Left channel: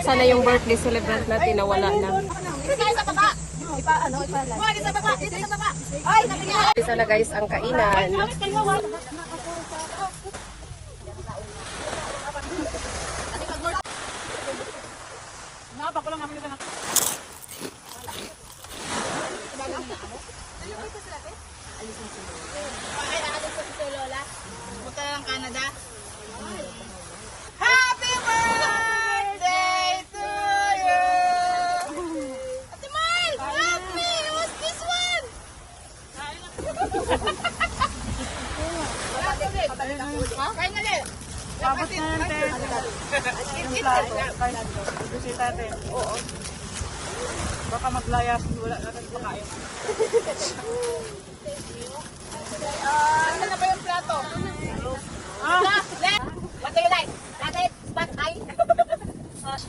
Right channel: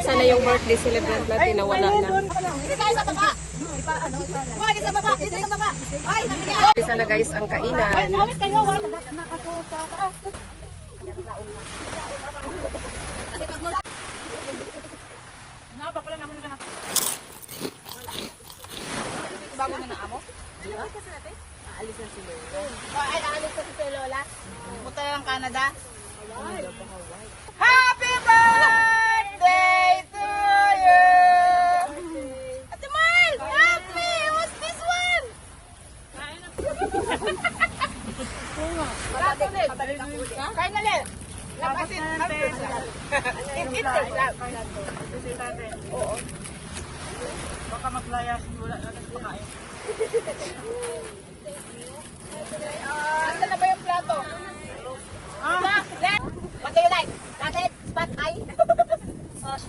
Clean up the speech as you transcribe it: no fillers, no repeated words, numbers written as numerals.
Asa na yung birthday celebrant natin na wala na. Isa na guys ang kainan. Ay, aalis ko si Lola. Punta na ng Canada. Happy birthday to you! Ate Mal! Happy! What's this one? Mabalik ang uli. Kain na lang. Lapasin. It's a vlog. Oo. Baka maglayas. Wala na kakain. Asa na ba yung plato?